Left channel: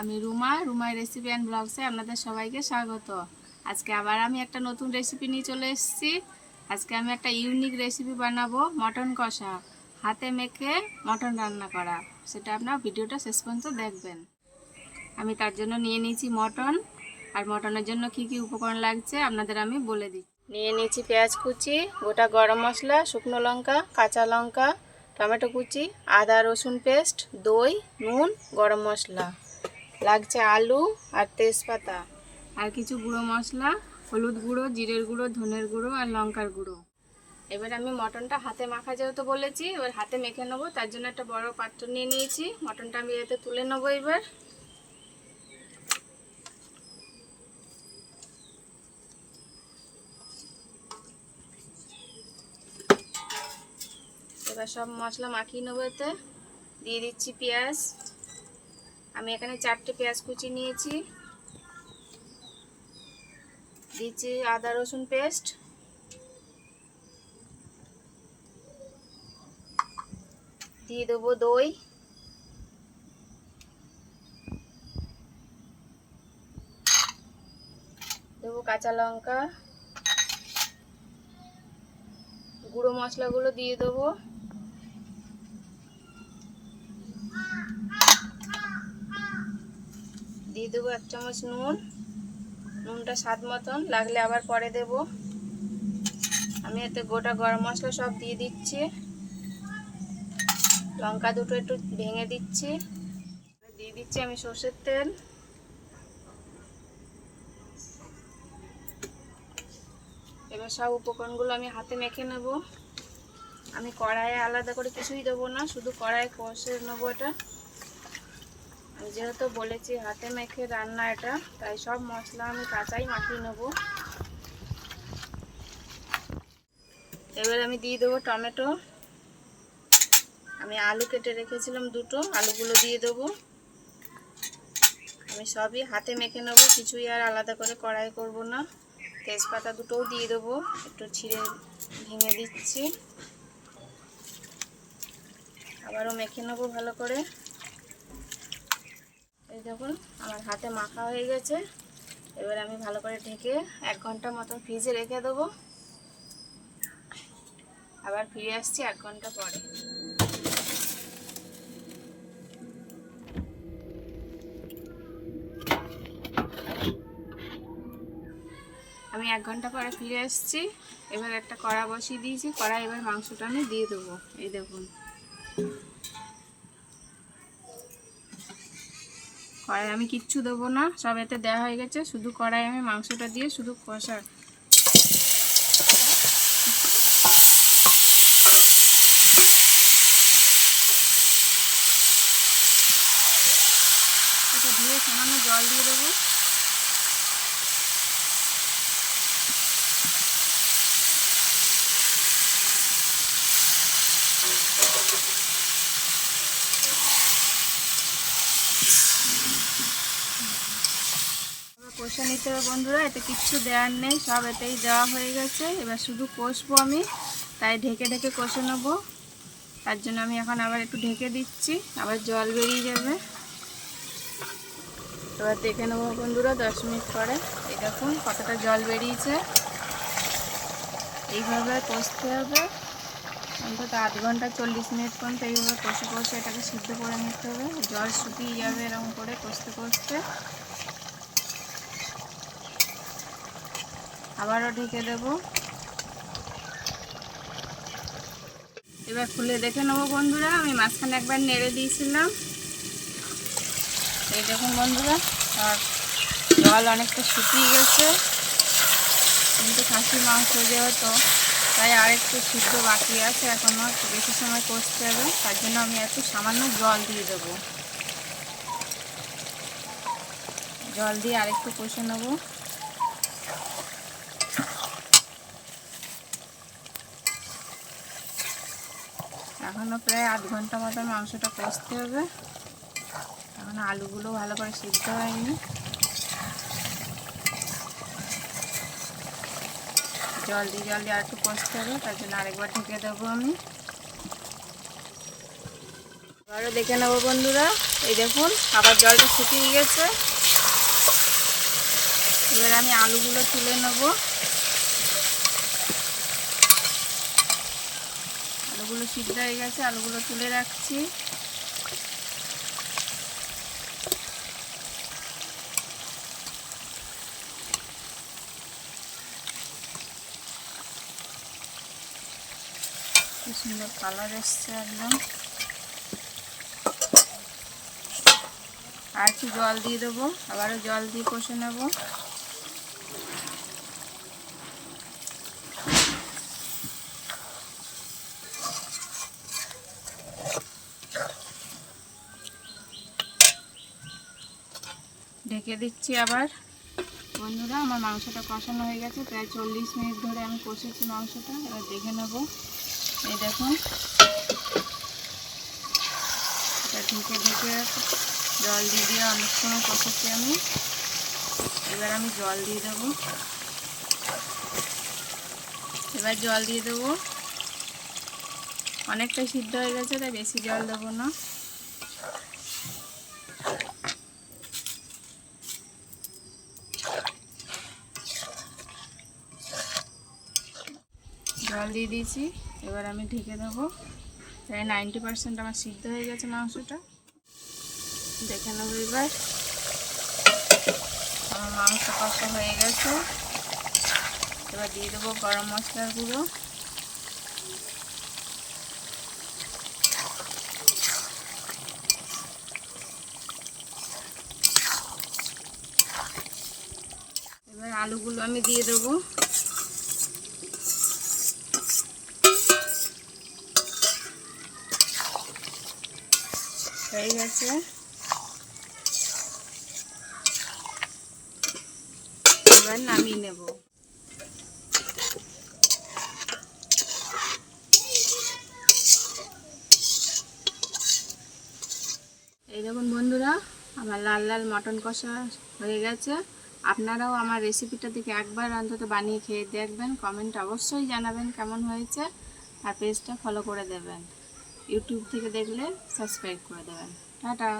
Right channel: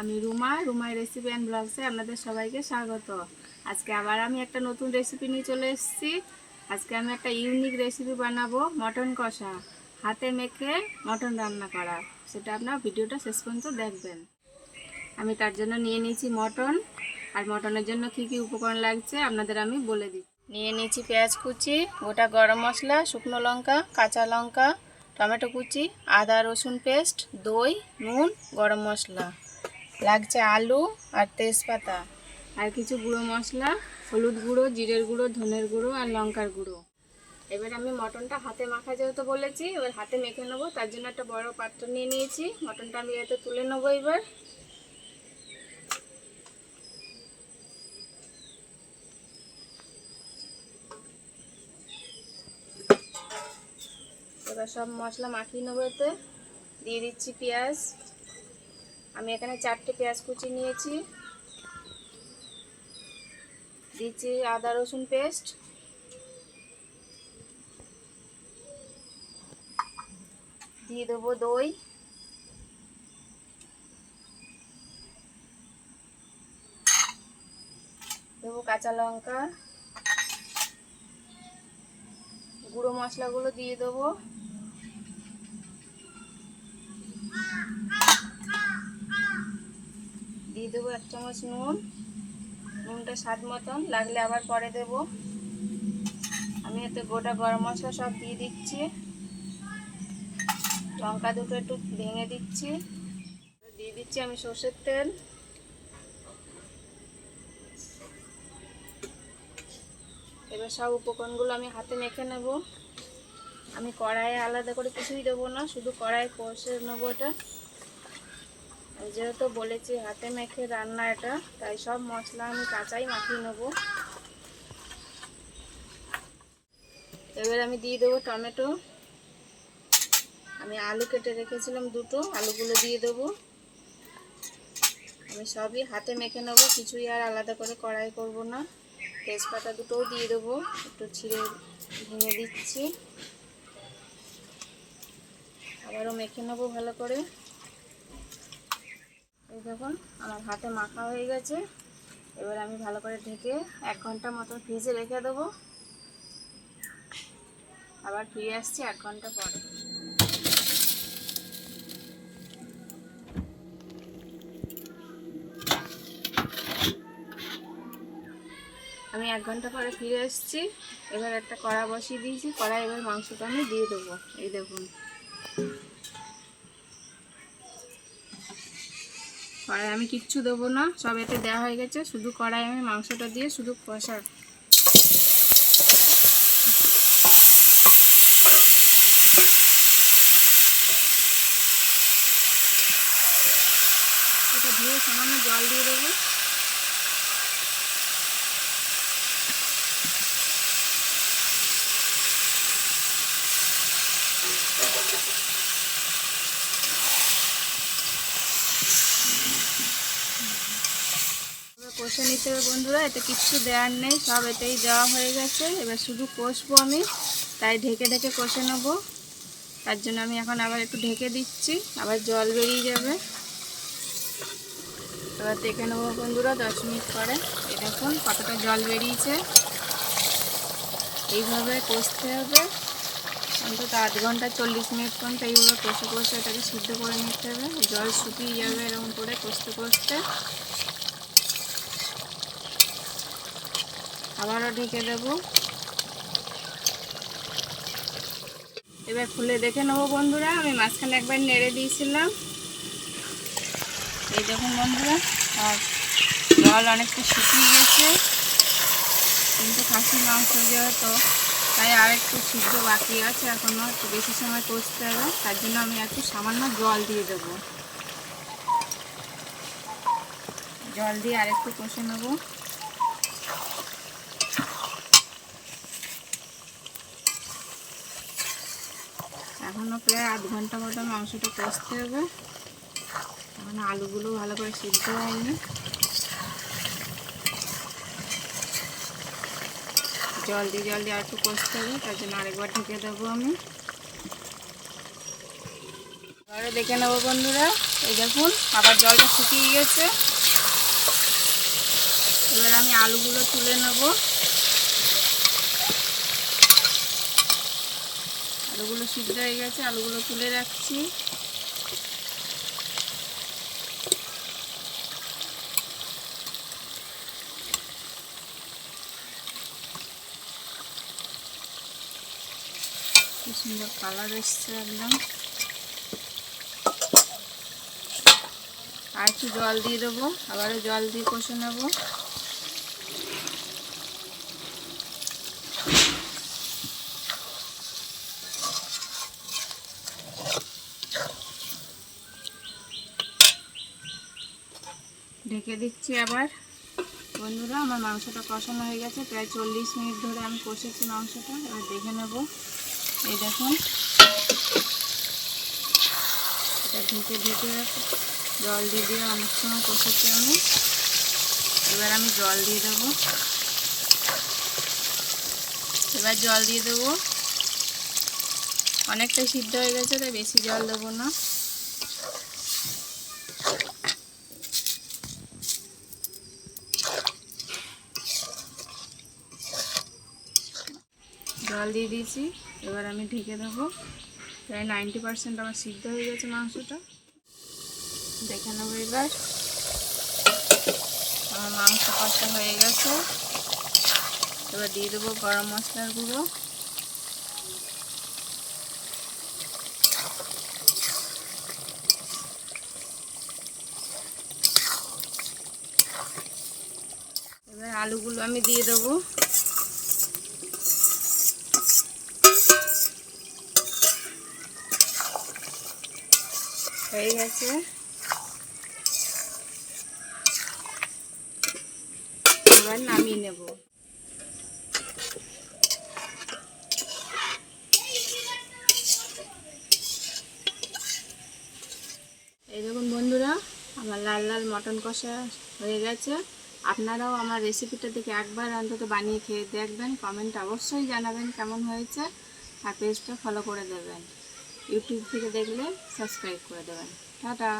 আমি রুমাই recipe and ব্লগসে আপনাদের সবাইকে স্বাগত। আজকে আবার আমি একটা নতুন রেসিপি নিয়ে চলে এসেছি। আজকে আমি একটা ইউনিক রেসিপি বানাবো, মটন কষা, হাতে মেখে মটন রান্না করা। সেটা আপনার ভিডিওটা শেষ পর্যন্ত দেখবেন। আমি তার জন্য নিয়ে নিয়েছি মটন, আর মটনের জন্য কি কি উপকরণ লাগছে আপনাদের আমি বলে দিই। নিয়ে নিয়েছি পেঁয়াজ কুচি, গোটা গরম মশলা, শুকনো লঙ্কা, কাঁচা লঙ্কা, টমেটো কুচি, আদা রসুন পেস্ট, দই, নুন, গরম মশলা। লাগছে আলু আর তেজপাতা, আর কিছু গুঁড়ো মশলা, হলুদ গুঁড়ো, জিরের গুঁড়ো, ধনের গুঁড়ো আর লঙ্কার গুঁড়ো। এবার আমি মটনটা হাতে মাখা যেহেতু বলেছি, এবার হাতে মেখে নেবো। তার জন্য একটা বড় পাত্র নিয়ে নিয়েছি। মটনটা আমি এতে তুলে নেবো। এবার সব মশলা মাখিয়ে নেবো। এতে দিয়ে দিচ্ছি পেঁয়াজ। আমি এখানে 4টে পেঁয়াজ কুচি নিয়েছি। দিচ্ছি আদা রসুন পেস্ট, দিয়ে দেবো দই, দেবো কাঁচা লঙ্কা, গুঁড়ো মশলাগুলো দিয়ে দেবো, দিয়ে দেবো 1 চামচ নুন। নুনটা স্বাদ মতন, লাগলে আবার পরে দেব। আমি এতে গোটা গরম মশলা সব দিয়ে দিচ্ছি। লঙ্কা দুটো একটু ভেঙে দিচ্ছি। দিয়ে দিচ্ছি আমি সর্ষের তেল। এবার সব উপকরণগুলো আমি হাতে মেখে নেব। আমি কড়াইয়ে আলাদা করে কিছুই দেবো না, শুধু কড়াইয়ে কষে নেবো এটা। আমি যেহেতু বলেছি হাতে মেখে রান্না এটা, তাই সব মশলা আমি কাঁচাই মাখিয়ে নেব। এবার আমি দিয়ে দেবো টমেটো। আমি আলু কেটে রেখেছিলাম দুটো, আলুগুলো দিয়ে দেবো। আমি সবই হাতে মেখে নেব, কিছুই আর আলাদা করে কড়াই করব না। তেজপাতা দুটোও দিয়ে দেবো, একটু ছিঁড়ে ভেঙে দিচ্ছি। আবারও মেখে নেব ভালো করে। এই দেখুন আমার হাতে মাখা হয়ে গেছে। এবার আমি ভালো করে ঢেকে 1 ঘন্টা মতো ফ্রিজে রেখে দেবো। আবার ফিরে আসছি 1 ঘন্টা পরে। আমি 1 ঘন্টা পরে ফিরে এসেছি। এবার একটা কড়া বসিয়ে দিয়েছি। কড়াই এবার মাংসটা আমি দিয়ে দেবো। এই দেখুন কড়াই আমি কিচ্ছু দেবো না, সব এতে দেওয়া হয়ে গেছে। শুধু কড়াই আমি মাংসটা দিয়ে শুধু কষা। এটা ধুয়ে সামান্য জল দিয়ে দেবো। কষে নিতে হবে বন্ধুরা, এতে কিচ্ছু দেওয়ার নেই, সব এতেই দেওয়া হয়ে গেছে। এবার শুধু কষবো আমি, তাই ঢেকে ঢেকে কষে নেবো। তার জন্য আমি এখন আবার একটু ঢেকে দিচ্ছি, আবার জল বেরিয়ে যাবে। এবার দেখে নেবো বন্ধুরা 10 মিনিট পরে। এই দেখুন কতটা জল বেরিয়েছে। এইভাবে কষতে হবে অন্তত 8 ঘন্টা 40 মিনিট পর্যন্ত। এইভাবে কষে কষে এটাকে সিদ্ধ করে নিতে হবে। জল শুকিয়ে যাবে এরকম করে কষতে কষতে। আবারও ঢেকে দেবো। এবার খুলে দেখে নেবো বন্ধুরা। আমি মাঝখানে একবার নেড়ে দিয়েছিলাম। এই দেখুন বন্ধুরা, আর জল অনেকটা শুকিয়ে গেছে, কিন্তু খাসির মাংস যেহেতু, তাই আর একটু সিদ্ধ বাকি আছে, এখনও একটু বেশি সময় কষতে হবে। তার জন্য আমি একটু সামান্য জল দিয়ে দেবো। জল দিয়ে আরেকটু কষে নেব। এখনও প্রায় 8 ঘন্টা মতো মাংসটা কষতে হবে। এখন আলুগুলো ভালো করে সিদ্ধ হয়নি। জল দিয়ে আর একটু কষতে হবে, তার জন্য আরেকবার ঢেকে দেবো আমি। আরও দেখে নেবো বন্ধুরা, এই দেখুন আবার জলটা শুকিয়ে গেছে। এবার আমি আলুগুলো তুলে নেব। আলুগুলো সিদ্ধ হয়ে গেছে, আলুগুলো তুলে রাখছি। কি সুন্দর কালার এসছে একদম। আর একটু জল দিয়ে দেবো, আবারও জল দিয়ে কষে নেব। ঢেকে দিচ্ছি আবার। বন্ধুরা আমার মাংসটা কষানো হয়ে গেছে, প্রায় 40 মিনিট ধরে আমি কষেছি মাংসটা। এবার দেখে নেব। এই দেখুন এটা ঢেকে ঢেকে জল দিয়ে দিয়ে অনেক সময় কষেছি আমি। এবার আমি জল দিয়ে দেবো। এবার জল দিয়ে দেবো। অনেকটাই সিদ্ধ হয়ে গেছে, তাই বেশি জল দেবো না। জল দিয়ে দিয়েছি, এবার আমি ঢেকে দেবো। প্রায় 90% আমার সিদ্ধ হয়ে গেছে মাংসটা। দেখে নেবো এবার। আমার মাংস কষা হয়ে গেছে। এবার দিয়ে দেবো গরম মশলার গুঁড়ো। এবার আলুগুলো আমি দিয়ে দেবো। হয়ে গেছে, এবার নামিয়ে নেব। এই দেখুন বন্ধুরা, আমার লাল লাল মটন কষা হয়ে গেছে। আপনারাও আমার রেসিপিটা দেখে একবার অন্তত বানিয়ে খেয়ে দেখবেন। কমেন্ট অবশ্যই জানাবেন কেমন হয়েছে। আর পেজটা ফলো করে দেবেন। ইউটিউব থেকে দেখলে সাবস্ক্রাইব করে দেবেন। টাটা।